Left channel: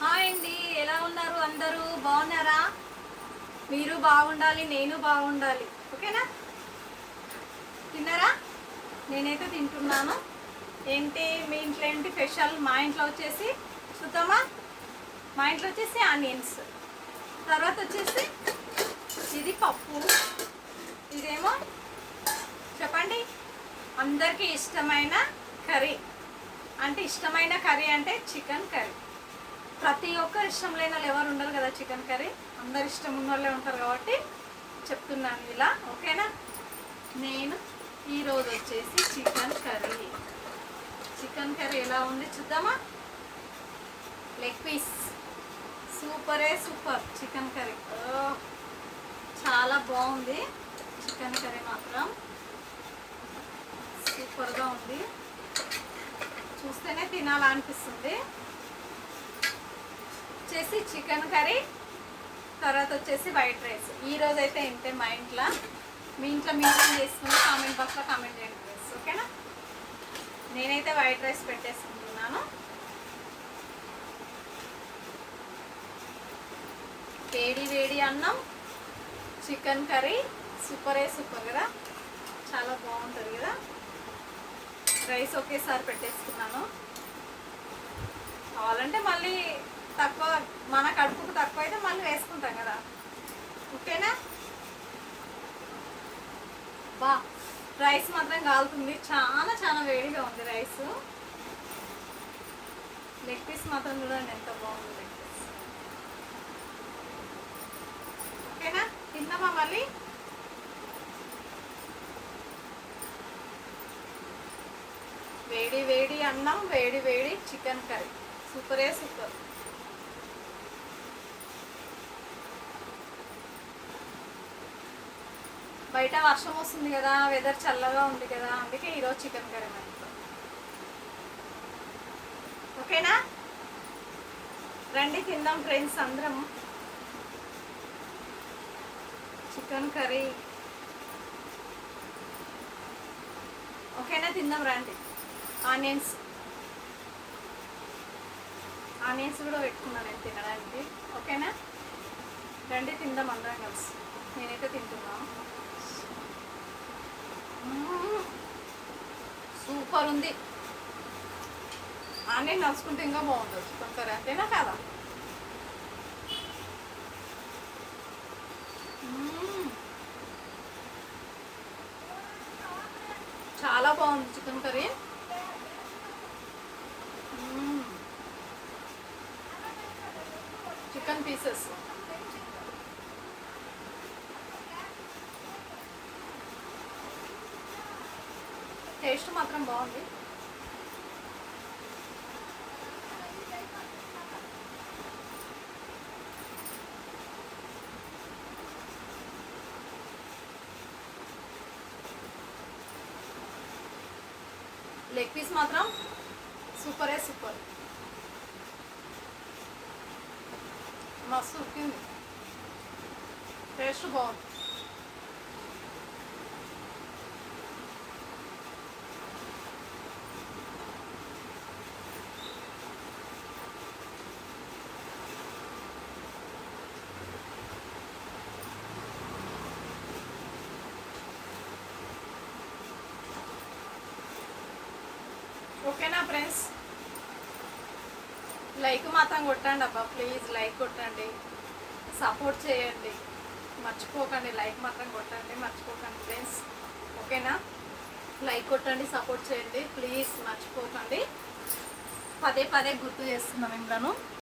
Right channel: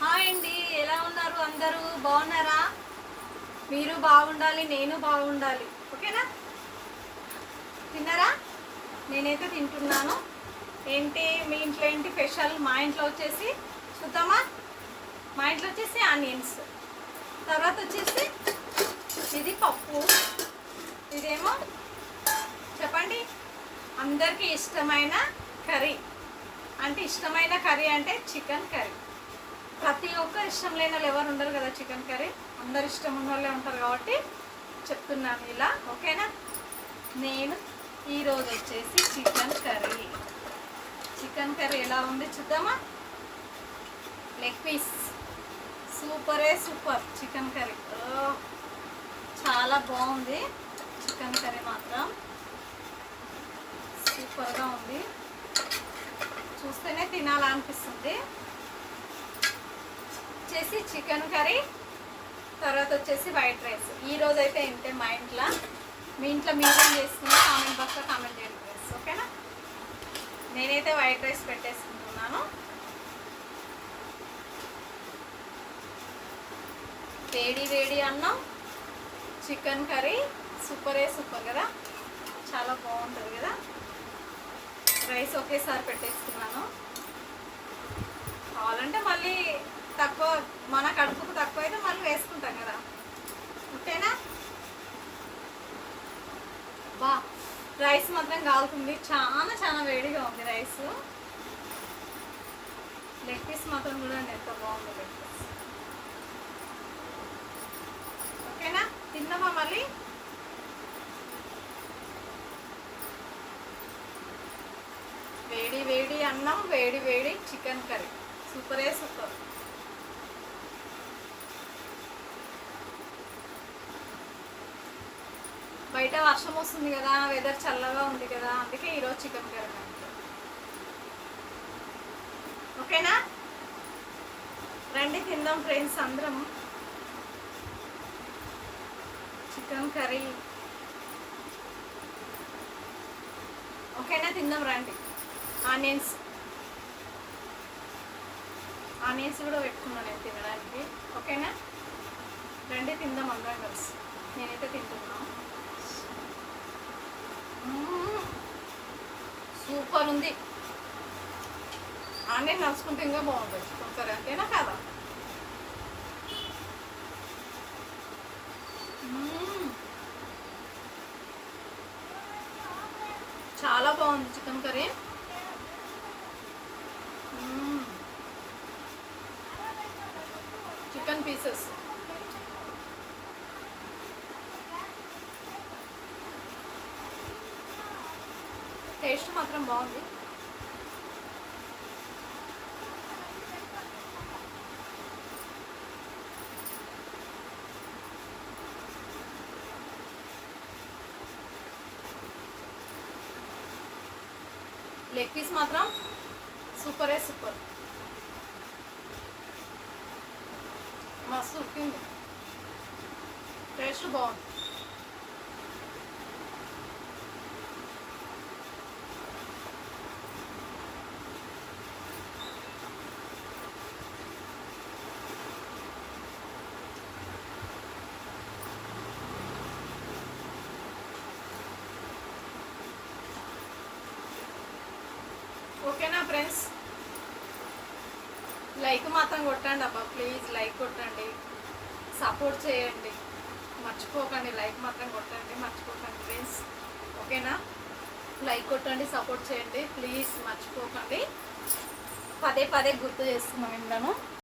Hi అండి, ఎలా ఉన్నారు? అందరూ బాగున్నారా? మీరు బాగుండాలి, నేను బాగుండాలి. ఓకేనా? తిన్నారా? నేనైతే తింటున్నాను. ఏంటి మీ ఇంట్లో ఏంటి స్పెషల్? మా ఇంట్లో వచ్చేసి చూద్దామా. మా ఇంట్లో వచ్చేసి ఆనియన్స్, తర్వాత వచ్చేసి ఇది పప్పు, ఇదేమో చెప్పండి అందరికీ ఇష్టమైన కర్రీ. అంటే ఇష్టమైన కర్రీ అంటే చికెన్ కర్రీ. ప్రతి ఒక్కరు ఇష్టం లేని వాళ్ళు ఎవరు ఉండరు కదా చికెన్ కర్రీ. అందరు ఇష్టం ఉన్న వాళ్ళే ఉంటారు కాబట్టి చెప్తున్నాను ఇలా. ఓకేనా? నేను ఈరోజు వచ్చేసి చికెన్ కర్రీ ఎలా ఉంది చూద్దామా. Leg piece super chicken curry. చాలా బాగుంది చికెన్ కర్రీ, మాత్రం సూపర్గా ఉంది. చూస్తేనే తినాలనిపిస్తుంది. వచ్చేసి చికెన్ కర్రీ, తర్వాత వచ్చేసి వైట్ రైస్. ఈరోజు అయితే ఇంతే మా ఇంట్లో. మీ ఇంట్లో మీరేం చేసుకుని కామెంట్ బాక్స్లో కామెంట్ చేయండి ఫ్రెండ్స్. ఓకేనా? నేనైతే వైట్ రైస్ పెట్టేసుకుంటున్నాను. వేడి అన్నం, చికెన్ కర్రీ సూపర్ కదా, చాలా బాగుంటుంది కదా. రైస్ ఒకేసారి పెట్టేసుకున్నాను. కావాలంటే మళ్ళీ తక్కువ, మన కడుపుకు తక్కువ అయితే మళ్ళీ వేసుకుంటాం కదా. ఉంటేనా బా. రైస్ మాత్రం కాలుతుంది, చాలా వేడిగా ఉంది రైస్. లెగ్ పీస్ మాత్రం చూడండి ఎంత బాగుంది లెగ్ పీస్. ఓకేనా? తిందామా మళ్ళీ. వేడి అన్నం, వేడి చికెన్ కర్రీ సూపర్. బయట వర్షం వస్తుంది కదా, వెదర్ చల్లగా ఉంది కదా, అందుకే ఈరోజు చికెన్ కర్రీ అంతే. ఓకేనా? రండి తిందాం ఫ్రెండ్స్ అందరం. చికెన్ కర్రీ ఓకేనా? తిందాం రండి. ఆనియన్స్ కూడా పెట్టుకున్నాను నేను తినడానికి. ఓకేనా? రండి తిందాం అందరం కలిసి. నేనైతే తింటున్నాను. సూపర్ ఉంది. ఆనియన్ నడుచుకుంటే ఇంకా బాగుంటుంది చికెన్ కర్రీ, అంతేనా కాదా? చాలా బాగుంది chicken curry. Chicken pieces taste మాత్రం బాగుంది. లెగ్ పీస్ మాత్రం సూపర్ మస్తు ఉడికింది, టేస్ట్ బాగుంది. ఓకేనా ఫ్రెండ్స్? లైక్ మాత్రం కొట్టండి అబ్బా, ప్లీజ్ లైక్ కొట్టండి, సపోర్ట్ చేయండి, మర్చిపోకండి. లైక్ మాత్రం కొట్టండి, మర్చిపోకండి ఫ్రెండ్స్. ఓకేనా? లైక్ కొట్టండి, సపోర్ట్ చేయండి ప్లీజ్, మర్చిపోకండి. పదే గుర్తు చేస్తున్నాం మిమ్మల్ని.